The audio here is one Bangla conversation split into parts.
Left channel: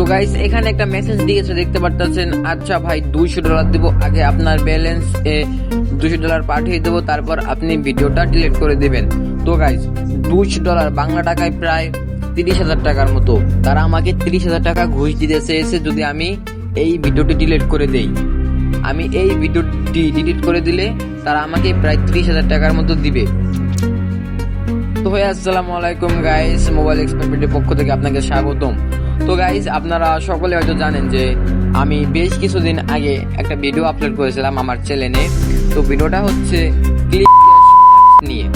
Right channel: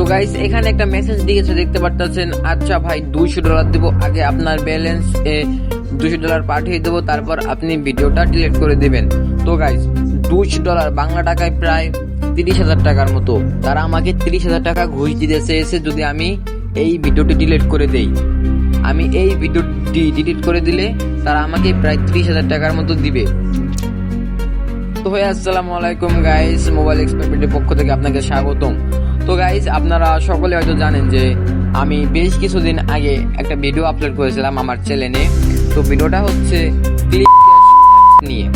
তো গাইস এখানে একটা মেসেজ দিয়েছে, দেখতে পারতেছেন আচ্ছা ভাই, দুইশো ডলার দিব, আগে আপনার ব্যালেন্স এ দুশো ডলার পাঠিয়ে দেবো, তারপর আপনি ভিডিওটা ডিলিট করে দিবেন। তো গাইস দুইশো ডলার বাংলা টাকায় প্রায় তিরিশ হাজার টাকার মতো। তারা আমাকে তিরিশ হাজার টাকা ঘুষ দিতে চেয়েছে যদি আমি এই ভিডিওটি ডিলিট করে দেই। আমি এই ভিডিওটি ডিলিট করে দিলে তারা আমাকে প্রায় তিরিশ হাজার টাকার মতো দিবে। তো ভাই, আসসালামু আলাইকুম গাইস মোবাইল এক্সপার্টের পক্ষ থেকে আপনাকে স্বাগতম। তো গাইজ আপনারা সকলে হয়তো জানেন যে আমি বেশ কিছুদিন আগে একটা ভিডিও আপলোড করেছিলাম আমার চ্যানেলে তো ভিডিওটা হচ্ছে ক্লিক নিয়ে।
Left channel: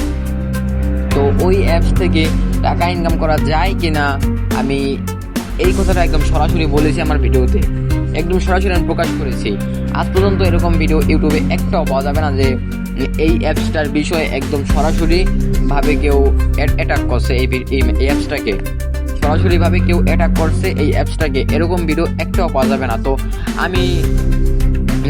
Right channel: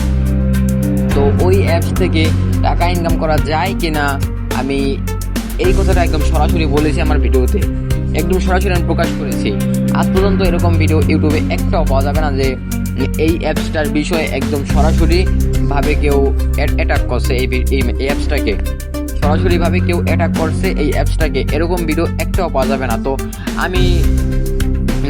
তো ওই অ্যাপস থেকে টাকা ইনকাম করা যায় কিনা, আমি এই কথাটা একদম সরাসরি বলেছি আমার ভিডিওতে একদম সরাসরি আমি প্রকাশ করেছি। আজ পর্যন্ত এরকম ভিডিও ইউটিউবে একটাও পাওয়া যাবে না যে এই অ্যাপসটার বিষয়ে একদম সরাসরি ভাবে কেউ অ্যাটাক করছে এই অ্যাপসটাকে সরাসরি ভাবে কেউ অ্যাটাক করছে এই অ্যাপসটাকে। এরকম ভিডিও একটাও পাওয়া যাবে না। তো আমি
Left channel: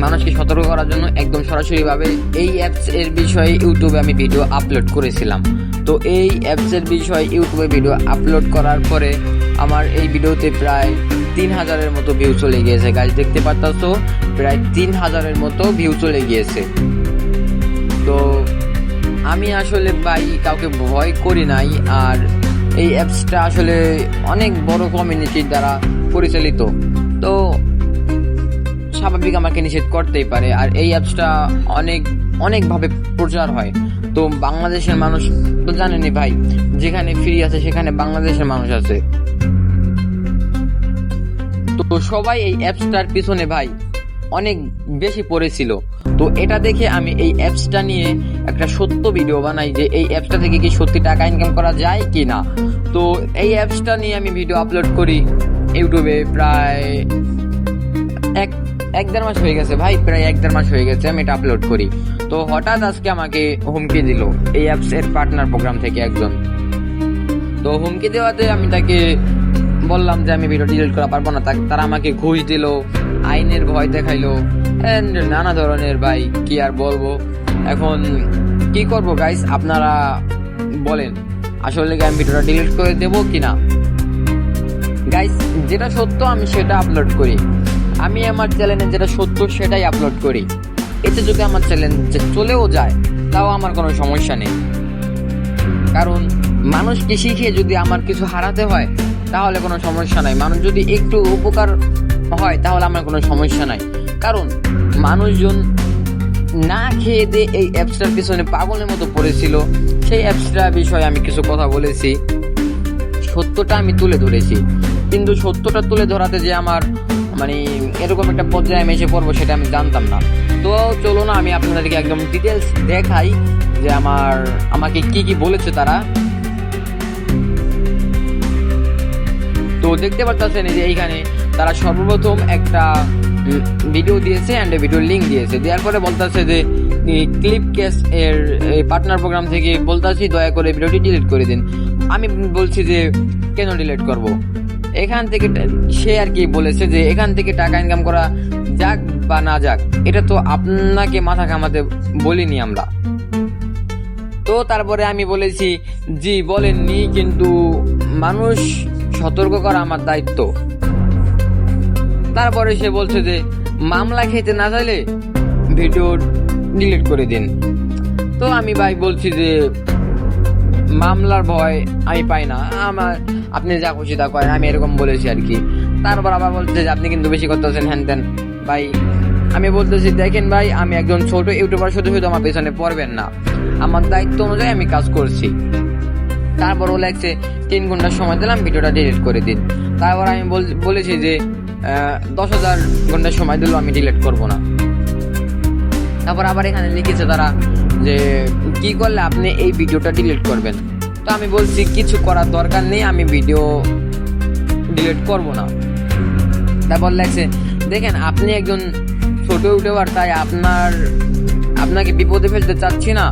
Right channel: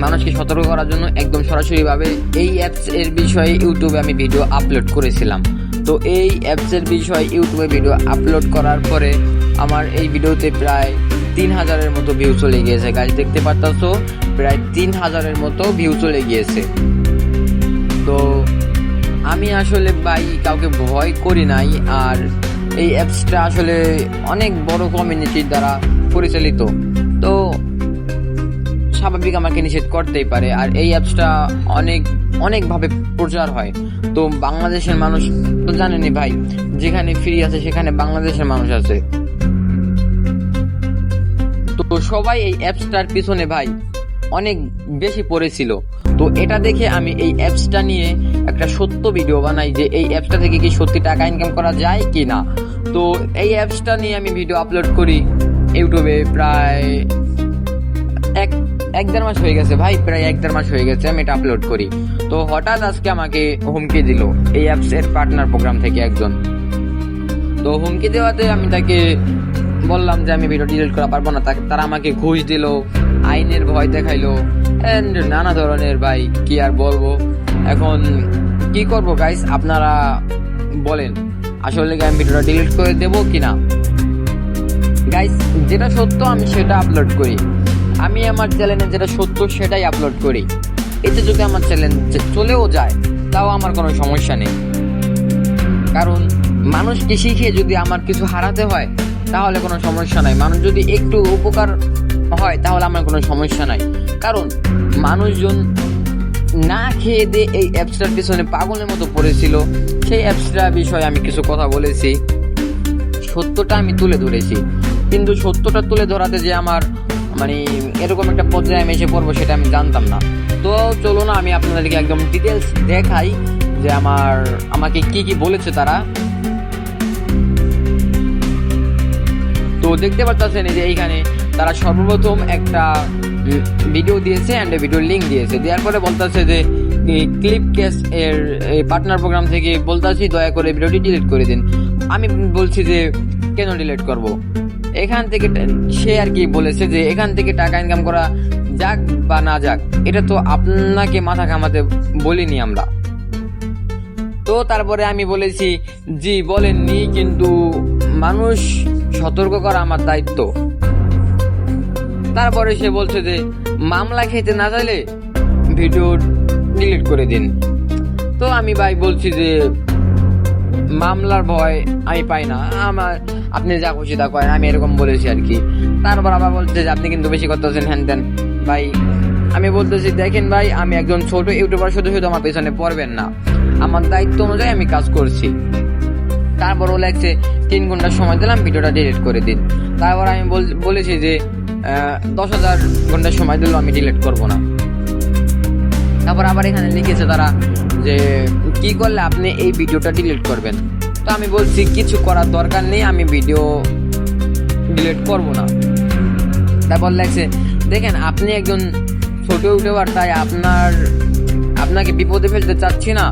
মানুষকে সতর্ক করার জন্য একদম সরাসরি ভাবে এই অ্যাপস এর বিষয়ে ইউটিউবে আমি ভিডিও আপলোড করেছিলাম। তো এই অ্যাপস এর বিষয়ে ইউটিউবে ভিডিও আপলোড করার পরে আমার এই ভিডিওতে প্রায় তিন হাজারের মতো ভিউ চলে গিয়েছে। গাছ দেখতে পারতাছো? প্রায় তিন হাজারের মতো ভিউ চলে গিয়েছে। তো আমি আসলে ভাই কাউকে ভয় করি নাই। আর এই অ্যাপসটা আসলে অনেক বড় কমিউনিটির দ্বারা পরিচালিত। তো স্বাভাবিক আমাকে নিষেধ করতেই পারে। আর এই অ্যাপসটা অনেক, অনেকভাবে প্রচার হয়। তো বাংলাদেশের মানুষ তো জানেনি ভাই, যেখানে ফ্রি আছে সেখানে বাংলাদেশের মানুষ আছে। তো সবাই এই অ্যাপসটার পিছনে ভাই অনেক বেশি পড়েছিল। তো এটা দেখে আমি এই অ্যাপসটা নিয়ে একটা সত্য ভিডিও বানাই যে এই অ্যাপসটা থেকে কি সত্যি টাকা ইনকাম করা যায় কি না তো এই অ্যাপসটা নিয়ে আমি ভিডিও আপলোড করি ইউটিউবে প্রায় এক এক দেড় মাস হয়ে গেছে ভাই, প্রায় এক দেড় মাস হয়ে গেছে আমি এটা আপলোড করি। তো হঠাৎ আজকে আমাকে হুমকি দিল এই অ্যাপস এর পার্টনার প্রোগ্রাম থেকে একজন। তো হুমকি দেওয়াতে আমি তাকে বললাম যে আমি ভিডিও ডিলিট করা পারব না। তারা আমাকে ঘুষ দিল, আইনের ভয় দেখাইলো এন্ড নানা ধরনের ভাই, কি আর বলব? এখন কি করব গাইস আপনারা বলেন, আসলে কি আমি ভিডিওটা ডিলিট করে দেবো কিনা? গাইস যেটা সত্য, আমি সেটা আপলোড করি। আমি আমার চ্যানেলে যেটা সত্য, সেটাই আপলোড করি। এতে যদি আমার চ্যানেল চলেও যায়, তাও আমার কোনো সমস্যা নেই। কারণ মানুষ মানুষকে শিখিয়ে যদি আমার কিছু হারাতে হয়, তাহলে কোনো সমস্যা নাই। মানুষ যদি একটু উপকার হয়, তাহলে আমার কোনো সমস্যা নাই। কারণ মানুষজন না খেয়ে দিয়ে এই অ্যাপসটার পিছনে পাগলের মতো পড়েছিল, সেই অ্যাপসটার বিষয়ে আমি কিছু কথা বলেছি। সত্যটা আমি তুলে ধরেছি। কিন্তু সত্যটা তুলে ধরাতে যে আমার মানে এরকম একটা পর্যায়ে আমি এসে পড়ব সেটা আমি জানতাম না। তো চলো না আমি আপনাদেরকে একদম ডিটেলস দেখাই যে আমার, আমাকে কি কি বলেছে তারা। তো দেখতে পাচ্ছেন যে এইখানে তারা সর্বপ্রথম একটা ভিডিও দিয়েছে অ্যান্ড ভিডিও লিঙ্ক দিয়েছে। দেওয়ার পরে বলতেছে যে ক্লিপ কেস এর পার্টনার প্রোগ্রাম থেকে বলতেছি, দয়া করে ভিডিওটি ডিলিট করে দিন। আমি বলছি যে, কেন ডিলিট করব? এখান থেকে সে আর কি বলেছে যে, এখান থেকে টাকা ইনকাম করা যাক বা না যাক, এটা তো আপনাকে মাথা ঘামাতে বলিনি আমরা। তো তারপরে আমি বলেছি, জি, বলেননি, কিন্তু মানুষ সতর্ক করা আমার দায়িত্ব। তারপরে সে বলছে যে, মামলা খেতে না চাইলে ভিডিও ডিলিট করে দিন। তো আমি ভাই বলছি যে, মামলার ভয় আমি পাই না। আমার আপনি যা খুশি তা করেন, আমি এরকম বলেছি আর কি। তারপর আবার বলছে যে, আপনি কিন্তু বেশি করতেছেন, হ্যান ত্যান। ভাই, আমি বলতেছি, দেখেন ভাই, আমি একজন ছোট ইউটিউবার, শুধু শুধু আমার পেছনে পড়বেন না। আমার দায়িত্ব অনুযায়ী আমি কাজ করছি। তারপর ও লাগছে তিন ঘণ্টা সময় দিলাম, ভিডিওটা ডিলিট করে দিন। তারপর আমি বল- বলেছি যে দশ হাজার ঘণ্টা সময় দিলেও আমি ডিলিট করব না। তারপর আবার এখানে লিখেছে তারা যে, কি করলে আপনি এই ভিডিওটা ডিলিট করবেন? তো আমি বলছি, কিছু করার দরকার নেই, আমি ভিডিও ডিলিট করব না। তারপর লাগছে দেখেন, আপনি একজন ছোট ইউটিউবার, তাই আপনার, আপনাকে বিপদে ফেলতে চাচ্ছি না।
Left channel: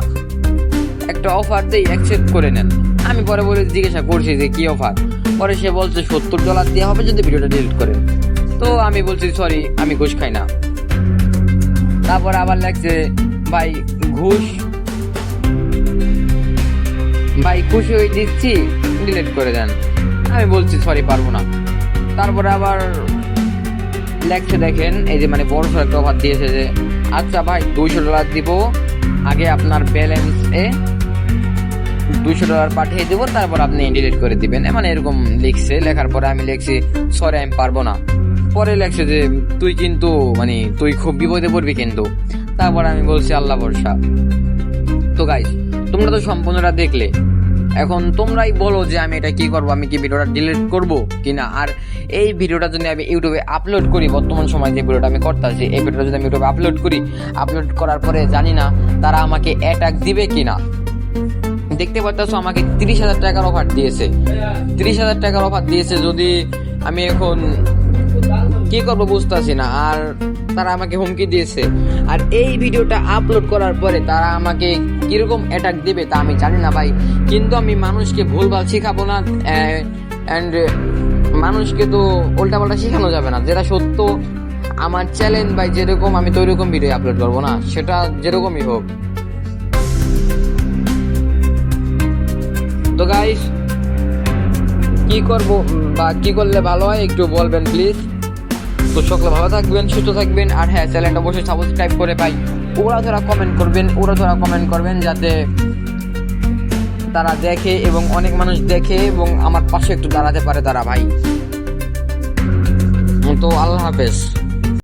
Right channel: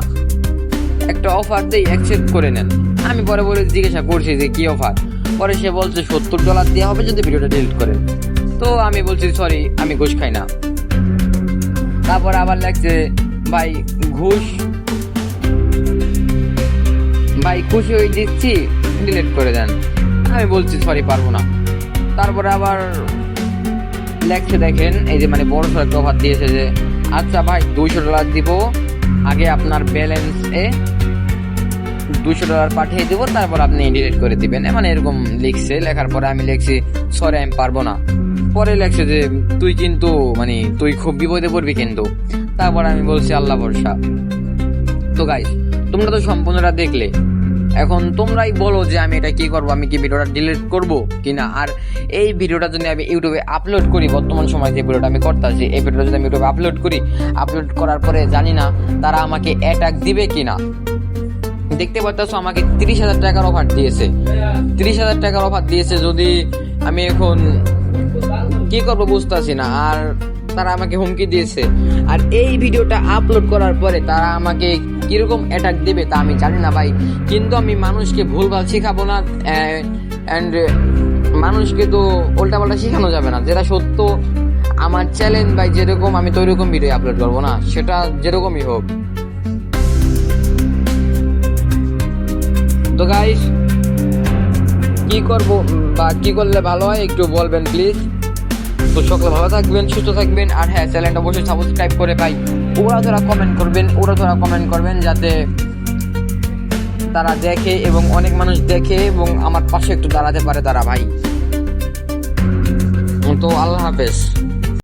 একটা অফার দেই অ্যাকসেপ্ট করে নেন। আমি পরে বলে জিজ্ঞাসা করছি যে, কি অফার পরে সে বলছে, সত্তর ডলার দেওয়া হবে যদি ভিডিওটা ডিলিট করেন। তো আমি বলছি সরি আমি ঘুষ খাই না। তারপর আবার লাগছে, ভাই, ঘুষ। ভাই, খুশি হয়ে দিচ্ছি ডিলেট করে দেন। আমি বলছি সরি পারব না। তারপরে আবার লেখছে দেখেন, এই যে মানে বড় সড়ো একটা অফার দিয়েছে যে আচ্ছা ভাই, দুইশো ডলার দিব, আগে আপনার ব্যালেন্স এ দুশো ডলার পাঠিয়ে দেবো, তারপর আপনি ডিলিট করে দিবেন। মানে এরকম লিখছে, লেখার পরে আমি লিখছি সরি আমি পারব না। পরে লেখছে যে, তুই কিন্তু মানে তুই খুব বিপদে পড়বি কিন্তু। তারপর আমি বলছি, আল্লাহ ভরসা। তো গাইস তোমরা তো সম্পূর্ণটা দেখলে। এখন তোমরাই বলো যে, আমি এটা কি করব? আমি কি ভিডিওটা ডিলিট করব কিনা? আর এই ভিডিওটা যদি আমি ইউটিউবে আপলোড করি, বর্তমান সময় যে ভিডিওটা আমি করতেছি, এই ভিডিওটা যদি আমি ইউটিউবে আপলোড করি আপলোড করার পরে জানি না তারা আমাকে অ্যাটাক দিবে কিনা। দেখতে পাচ্ছ আমাকে তিরিশ হাজার টাকার অফার দিয়েছে। তিরিশ হাজার টাকার অফার দিয়েছে যদি আমি এখন কি করব বুঝতেছি না। আর তারা আমাকে হুমকি দিয়েছে। আর এই ভিডিওটা আপলোড করার পরে তারা আমাকে কীরকম অ্যাটাক দেবে তা আমি জানি না ভাই। কিন্তু আমি মানুষকে ভুলভাল শেখাবো না অ্যান্ড মানুষকে তো উল্টাপাল্টা শেখানো যাবে না। যেটা সত্য, আমার চ্যালেঞ্জ ভাই যেরকম আমি তো ওইরকম ভিডিও আপলোড করব না। সেটা যেরকমই হোক। তো গাইস কি করব বা কি করলে ভালো হয় একটু বলবেন প্লিজ তো সকলে ভালো থাকবেন, সুস্থ থাকবেন, আর হ্যাঁ চ্যানেলটা অবশ্যই সাবস্ক্রাইব করে পাই। ওরা ধরা কমেন্ট করবেন, ওরা ধরা কমেন্ট করবেন যাতে তারা দেখে এবং অনেক মানুষ দেখে এবং আমার পাশে একটু দাঁড়াতে পারে তারা ভাই। তো আল্লাহ হাফেজ।